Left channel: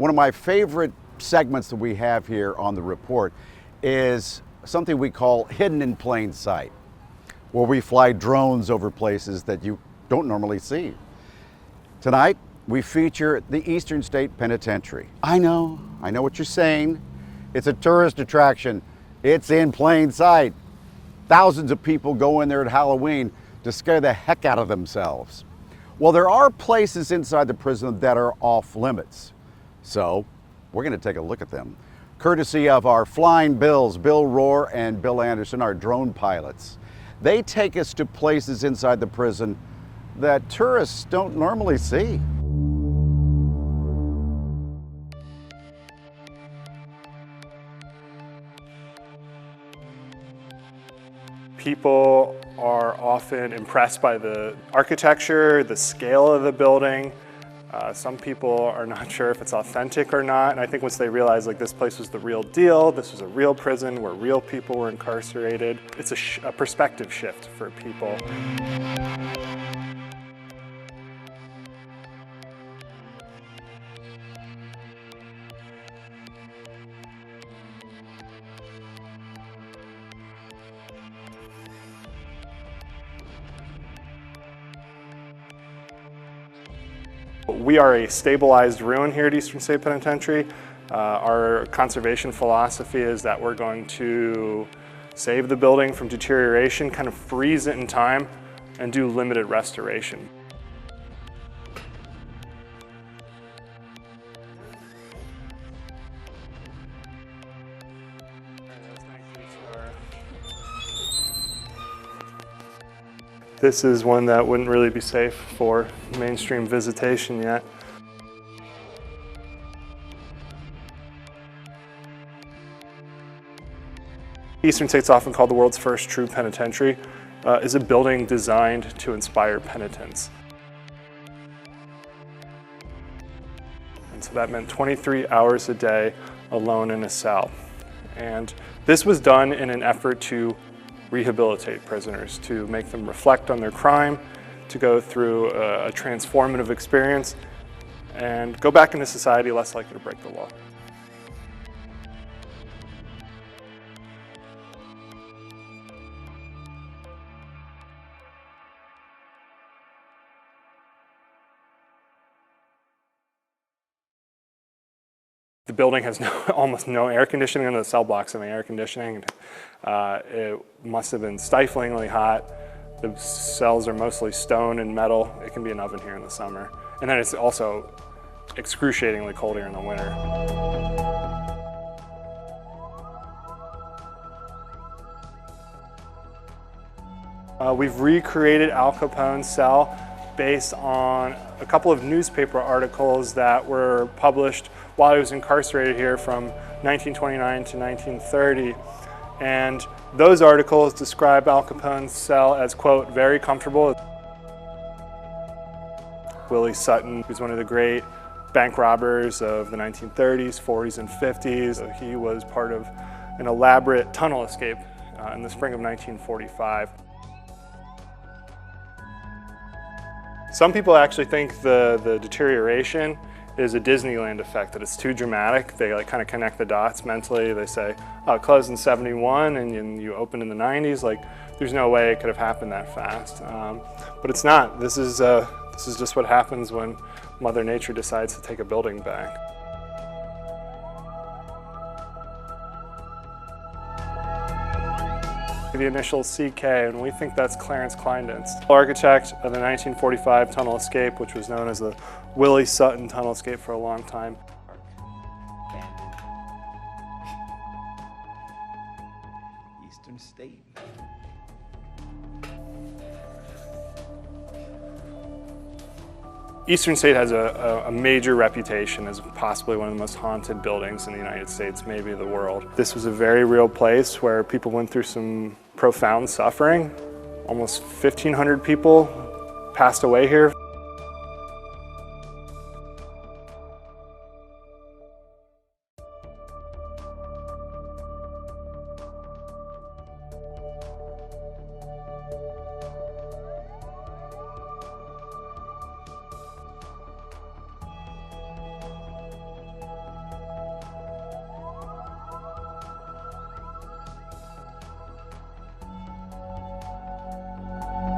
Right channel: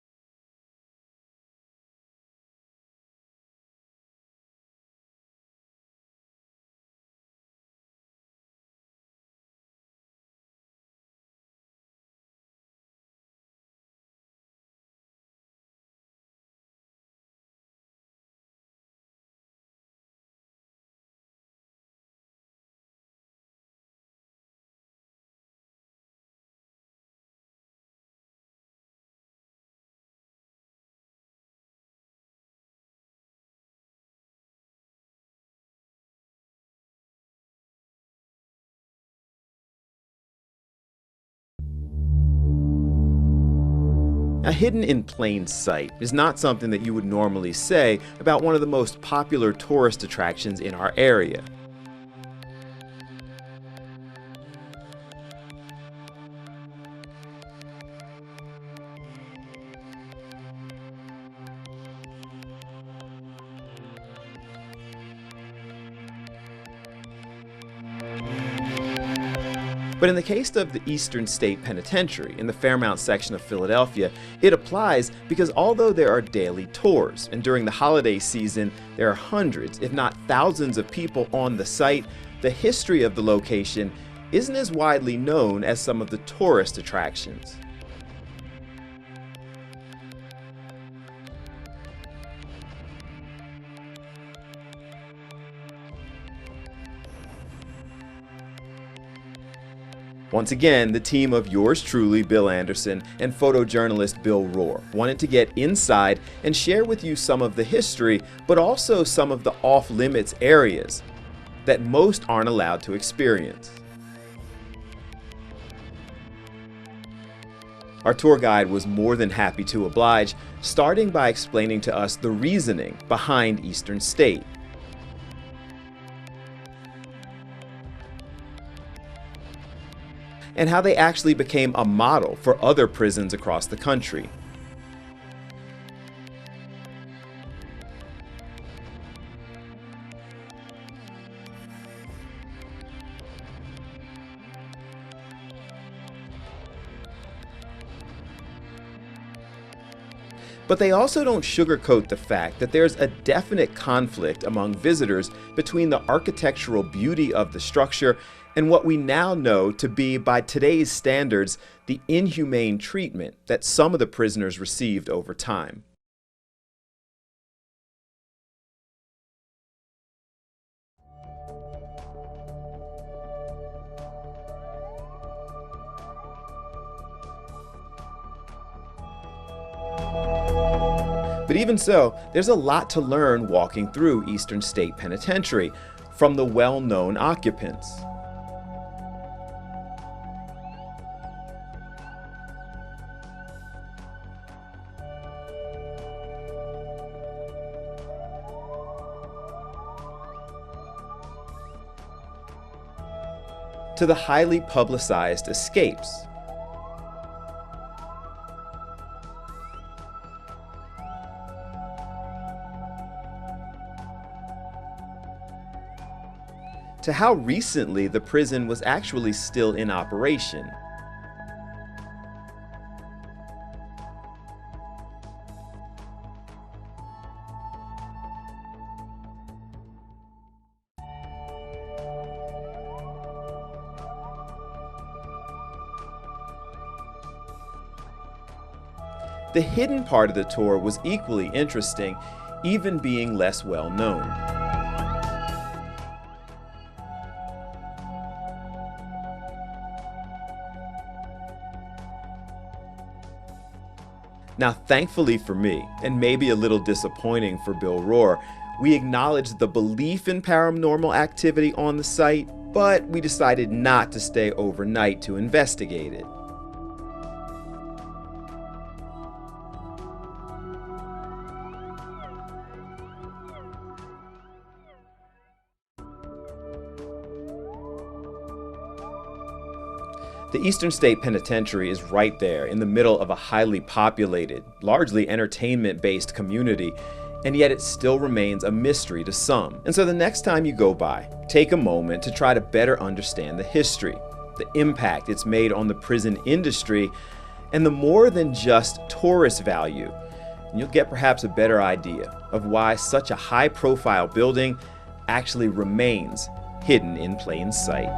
One of my favorite segments that we have here on the report is something we call hidden in plain sight, where we fly drones over places that you don't normally see. Tonight, we feature the Eastern State Penitentiary. I know what you're saying. It's a tourist attraction. It's in plain sight. Thousands of people go in there at Halloween to scare the heck out of themselves. Well, there are places inside the prison that are off limits. So we're going to take a look at them, courtesy of our Flying Bills, Bill Rohr and Bill Anderson, our drone pilots. They take us to places inside the prison that tourists don't normally see. Now, hidden in plain sight is not something that you would normally say about one of the most popular tourist attractions in our area. People are often impressed by the architecture, the scale of the building. Some people are not sure if it's authentic or not, and I think once they realize like this place was the real deal, this was a real prison where real people were incarcerated, it's a perspective shift for people. But in the case of the Eastern State Penitentiary in the Fairmount section of Philadelphia, it applies because although there are daily tours, and during the holiday season there are hundreds, if not thousands of people on the site, the history of the location isn't as widely known as some of the tourist attractions. We are a stabilized ruin here at Eastern State Penitentiary. Our conservation philosophy is that we're going to save the building from deterioration, kind of freeze it in time, and do limited restoration. Once again, the team of yours truly, Bill Anderson, and photojournalist Bill Rohr wanted to get inside and share with you some of the history, but also some of the off-limits areas that most aren't allowed to experience. This is one that wouldn't really be safe for mainstream visitation yet. Our tour guide was more than happy to oblige, starting by explaining to us the reasoning behind Eastern State. Eastern State's often called the world's first true penitentiary. Is a building designed to inspire penitence. And how they actually became a model for other prisons across the country. So that meant 23 hours a day alone in a cell. And this was done in an effort to rehabilitate prisoners, to make them reflect on their crime, to go through a transformative experience, and go back into society less likely to break the law. But they also don't sugarcoat the fact that there's a definite conflict among visitors between the architectural beauty of the structure and what we now know to be, by today's standards, the inhumane treatment that some of the prisoners received over time. The building has almost no air conditioning, and the cell blocks have air conditioning. It must have been stiflingly hot. The cells are mostly stone and metal. It can be an oven here in the summer. And then it's also excruciatingly cold here in the winter. But even so, there's a lot to learn walking through Eastern State Penitentiary from the well-known occupants. We've recreated Al Capone's cell based on a couple of newspaper articles that were published while he was incarcerated here from 1929 to 1930. And those articles describe Al Capone's cell as, quote, very comfortable. To the highly publicized escapes. Willie Sutton, who's one of the great bank robbers of the 1930s, 40s, and 50s. He was part of an elaborate tunnel escape in the spring of 1945. To how recently the prison was actually still in operation. Some people actually think the deterioration is a Disneyland effect, that it's too dramatic. They like kind of connect the dots mentally. They say, oh, it closed in 71 and you opened in the 90s. Like, there's no way it could have happened that fast. But it's not. This is just what happens when Mother Nature decides to take a building back. The hidden part of the tour was equally interesting, even being less well known. The initial CK, and we think that's Clarence Kleindienst, architect of the 1945 tunnel escape, which was known as the Willie Sutton tunnel escape for a long time. Now, thankfully for me, and maybe a little disappointing for Bill Rohr, we acknowledged the belief in paranormal activity on the site, but we decided not to stay overnight to investigate it. Eastern State has a major reputation as possibly one of the most haunted buildings in the United States, maybe the world. This was a very real place where people went through some profound suffering. Almost 1,500 people passed away here. The Eastern State Penitentiary is right there in the middle of a highly populated, largely entertainment-based community, and yet it still remains a mystery to some. And so the next time you go by, take a moment to try to better understand the history, the impact it's made on the prison industry, and the more than just tourist value. And you'll get perhaps a better idea of why such a high-profile building actually remains hidden in plain sight.